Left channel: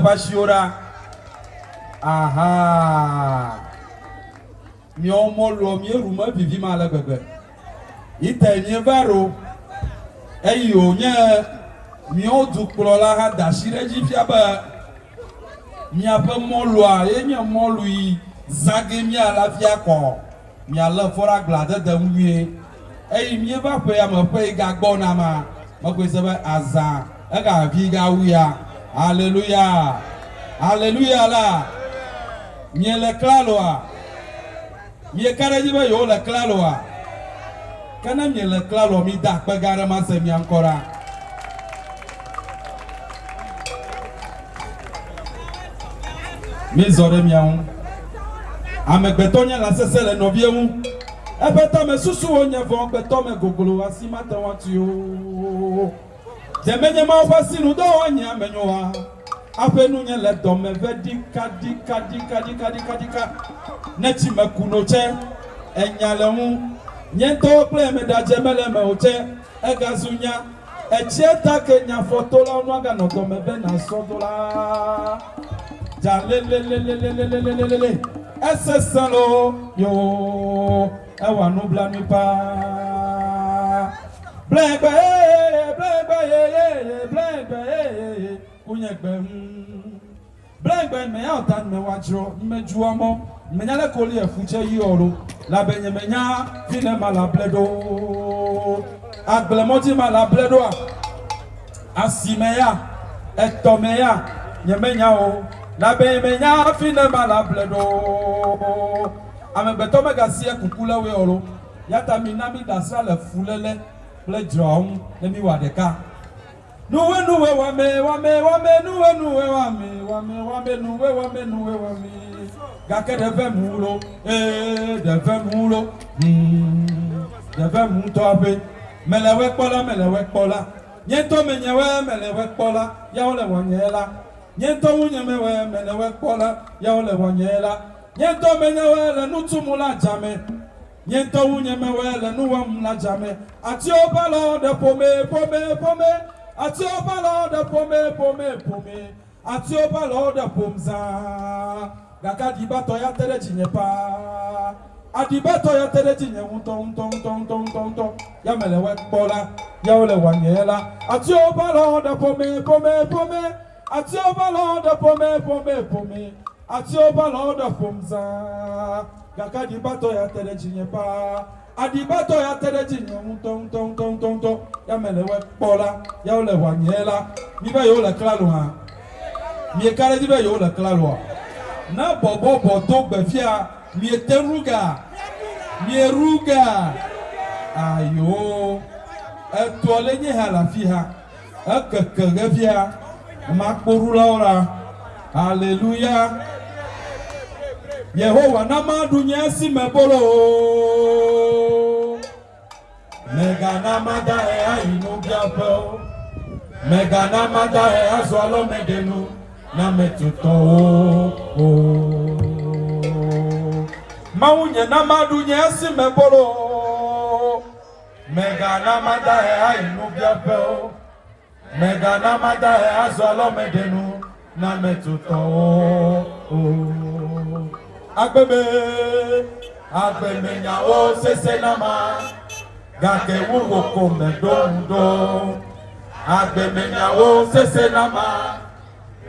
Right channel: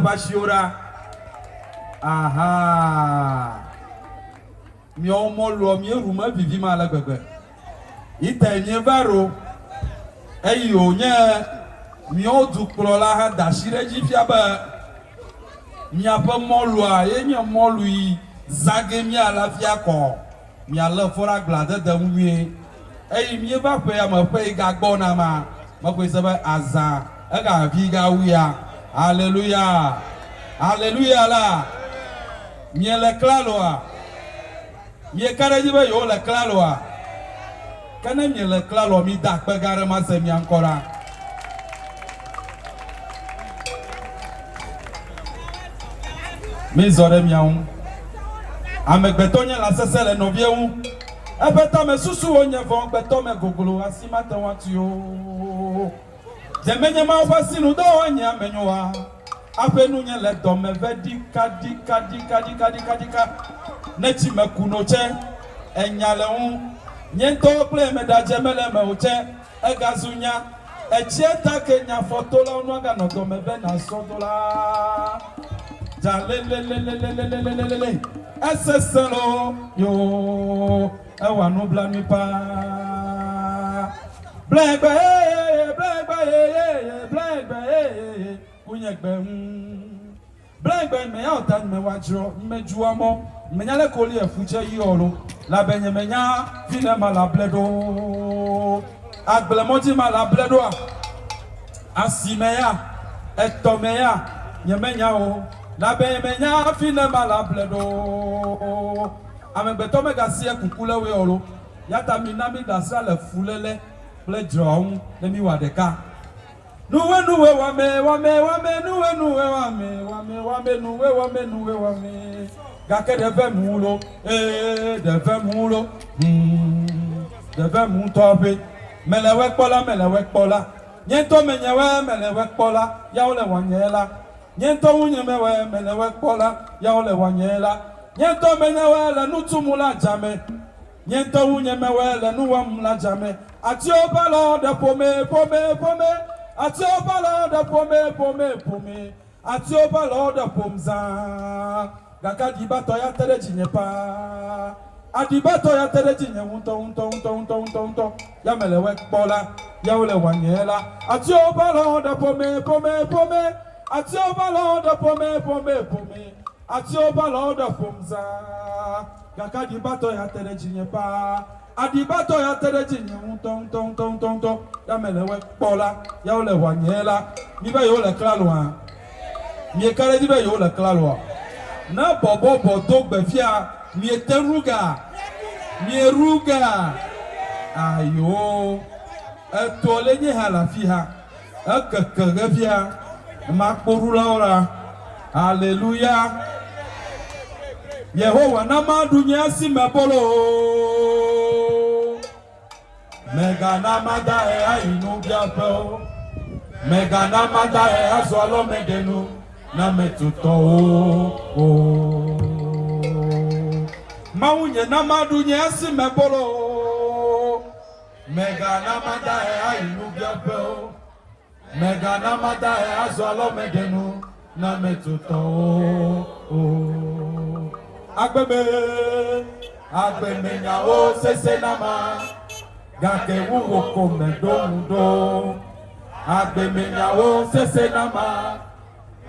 Bashiora. Aha. Mi omo lo mi ruma bibi mala bebe. Ite nye baro. Eyo nye mi odu klola ha dashire jifia ba. Mi apa molu a enye molu yi zage mi ala fia ko. Mi ala fora glade de mwie. Eyi mi ba pe ya ma pe ga gbo na ma. Ma pe sebe azan. E ga vi ga wuya. Hallelujah. Hallelujah la. Mie le klaloa. Mie karajibe yo le klaloa. Kene mie le klalo mi da pe gare ma se mi ancora. Mi zore mi an. Amegbeto nye la sese le novie un. Ebeta me susu onye von beto me gogolo asima te wati yo. Jemenye ma wasi nu do onye amenyoa. Afenu nye le dome vedi kadika nechi me kunoche enyale un nyento ple me da jemele me oche egazunya echieta kenya fotola onu aga no dome ve na sodola jalelelelelelelelele eseselo yo ewa no bla mi pa blebe kunyegbe blengbe me ya otan me wajro me juamo me nyale koli efuche yi oro la benye me nya fine mala bledo agbelemoti mala bledo asimeya etomeya nye me nya o la benye me nya fine mala bledo amegbeto me gasie kukule we oro yata minami dasra le fulele ble drum le mi wadeka nuwe wame nuwe wame gake deve mulo deve mulo deve mutobe melewe kpola nyento menyewe melewe kpola yaole wanyela nyento unyemewe melewe kpola yaole wanyela nyento menyewe le nutumula jame nyento unyemewe le nuwamula jame ati obala de pome ati obala de pome ati obala de pomza gaka dibato ya tere jinyepa adibato ya tere jinye unto ya melewe kpola ya ole wanyela ati obala de pome ati obala de pome ati obala de pomza gaka dibato ya tere jinyepa adibato ya tere jinye unto ya melewe kpola ya ole wanyela nibe yo le klaloa mi ekare dibe yo le klaloa na bobo to gbefia mi eteruga mi eruga ayo etole ni halafi ha akekege fia makporula ora hallelujah Yehowa na madunya si mebolo mega na mada ayinu biapo mega na mada azolo medenu na metuto maunye na madunya si mebolo mega na mada ayinu biapo mega na mada azolo medenu na metuto agbeme nyawo sese nama gake wugo kome dondo agbeme nyawo sese nama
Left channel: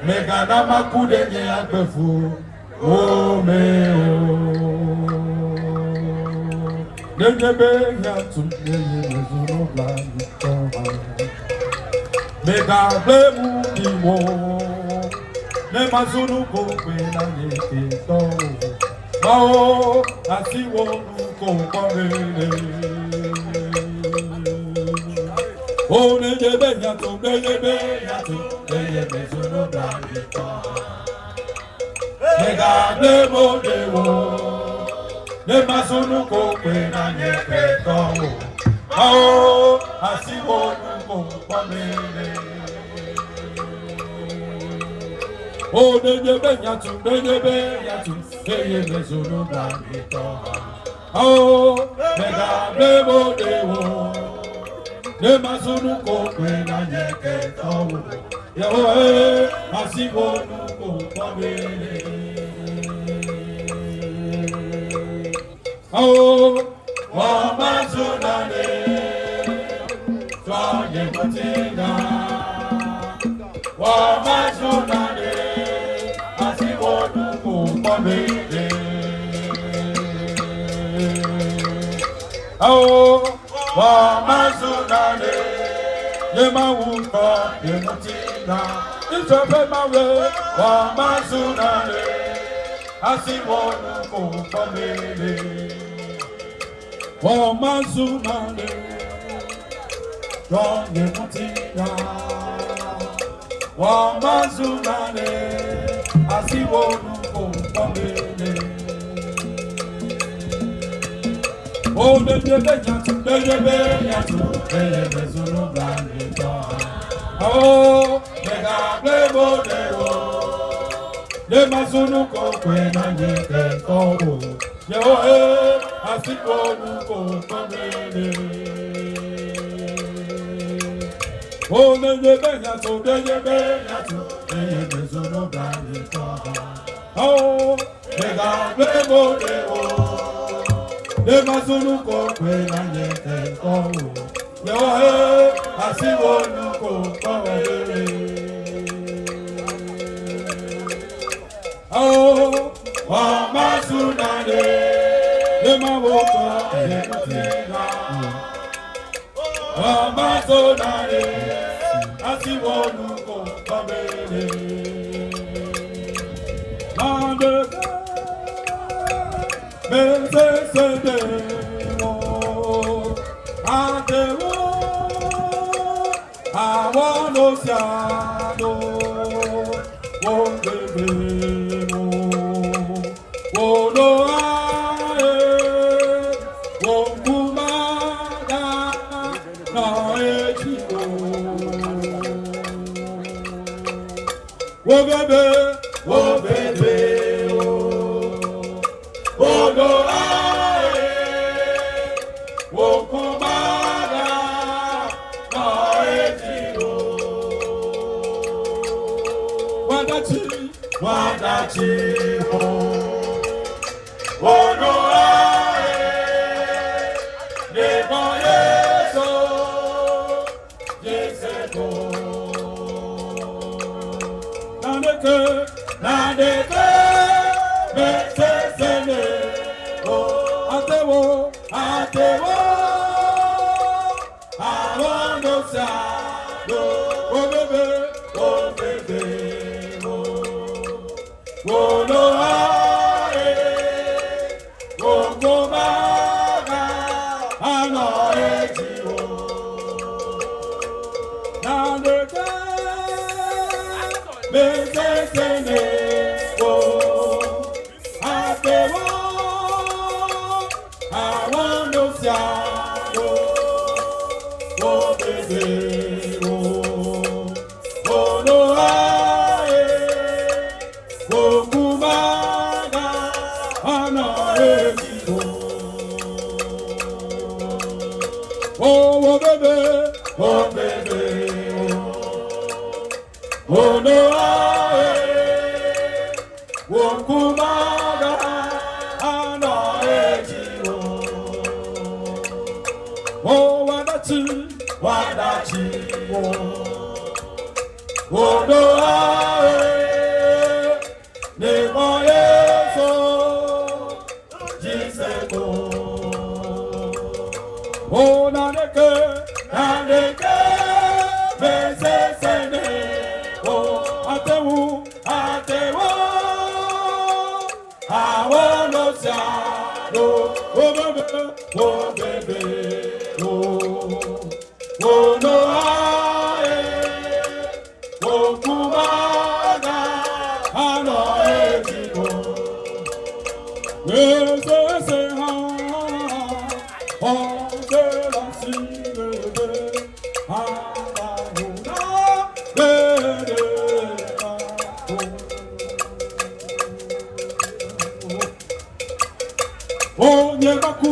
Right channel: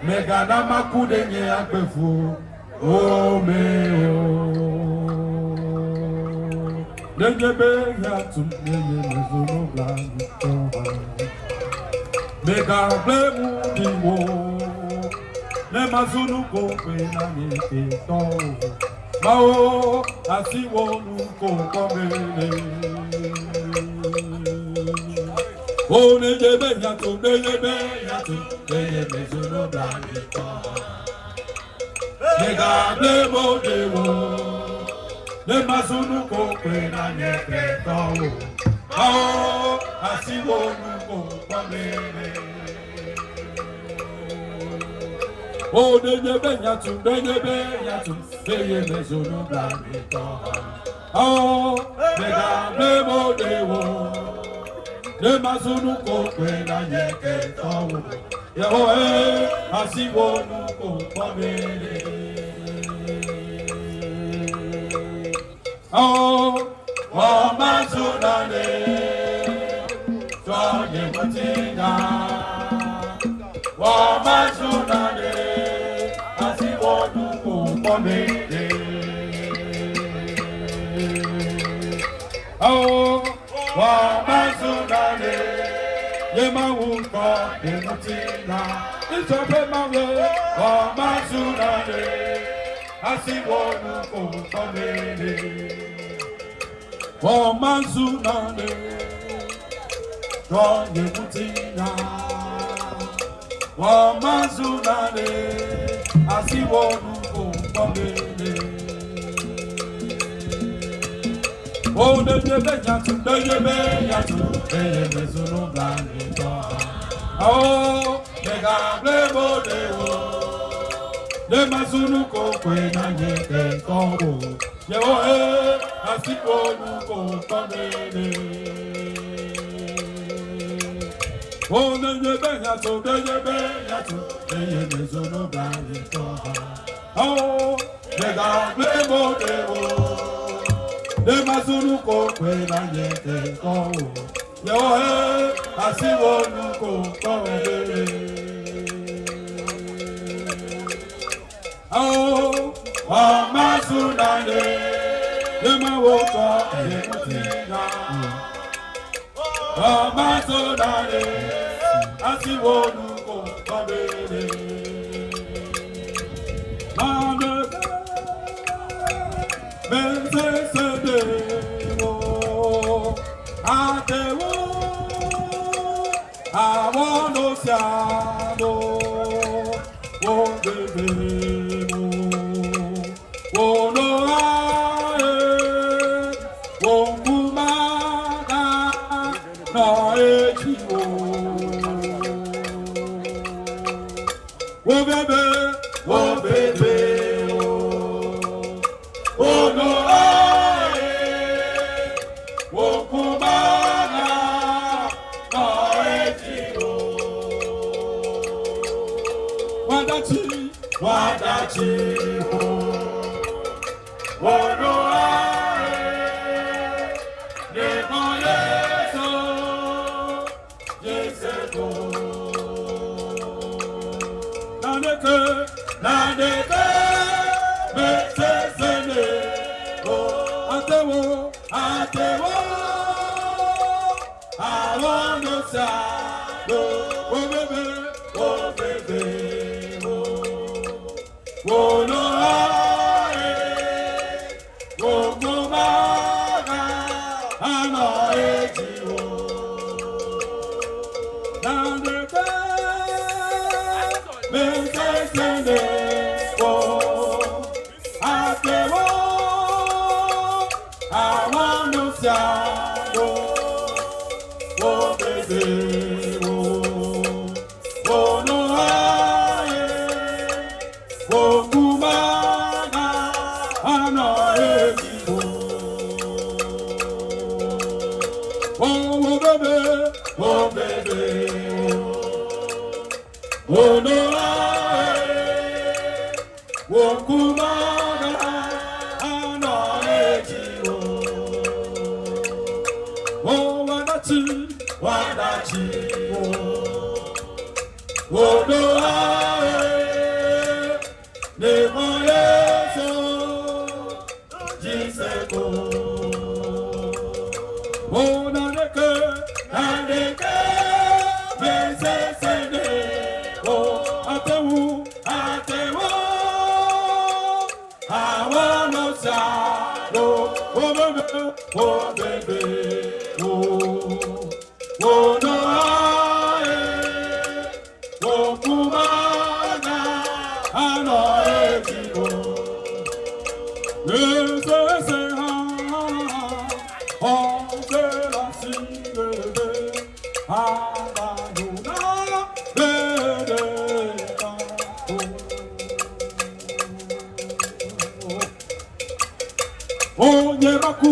mega nama kudenye agbefu ome nenebe yatu nezuru blangi toha mega blemu diwo ne mazunu ko pe na ye to mao asiwo nu ko kongere o ne je be yatu ye zunu blangi to ne ga ble mo dewo ne mazunu ko pe na ye to mao asiwo nu ko kongere o denye be yatu ye mezono blanito o mega blemo dewo de mazunu ko pe na nyeke to Yehoe, asiwonu kumamele. Oh, Mama Sunane, Twaye Matina. Mama Sunane, asiwonu kumamele. Oh, Mama Sunane, Yemawuka, Yemutina. It's a Pemawe, Mama Sunane, asiwonu kumamele. Mama Sunane, Twaye Matina. Mama Sunane, asiwonu kumamele. Oh, the oh, mega plebo de masunu ko kwena nyeke kobo. Yo asiko nuko pamele. Oh, the masunu bani ko. Oh, mega plebo de masunu ko kwena nyeke kobo. Yo asiwo nuko pamele. Oh, Mama Sunane, Lema Woka, Lema Mama Sunane, asiwo nuko pamele. Mande, Mende Sende wo, Ate wo, Awon Osiano, wo bebe wo no ae, wo kumada na ejiwo, wo bebe wo no ae, wo kumada na ejiwo. Wadachi ho, wono ae, nebo yeso, jeseko. Nadeke, bese sene, atewo, alondo sa, obebe. Wono ae, wono maga, ano ejiwo. Nandeke, bese sene wo, atewo, awano siano, wo bebe wo, wono ae, wo kumaga, ano ejiwo. Wo bebe, wo no ae, wo kumaga, ano ejiwo. Wo wadachi wo no ae, nebo yeso, jiseko. Wo nadeke, bese sene, atewo, awano siano, wo bebe, wo no ae, wo kumaga, ano ejiwo. Ese ha, o se la sirve, abayuna, bene o nyebaku,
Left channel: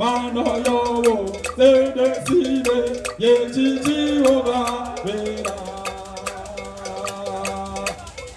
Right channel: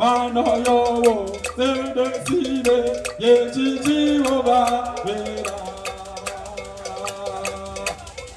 Mano yo wo, se decide, ye chichi oba, vera.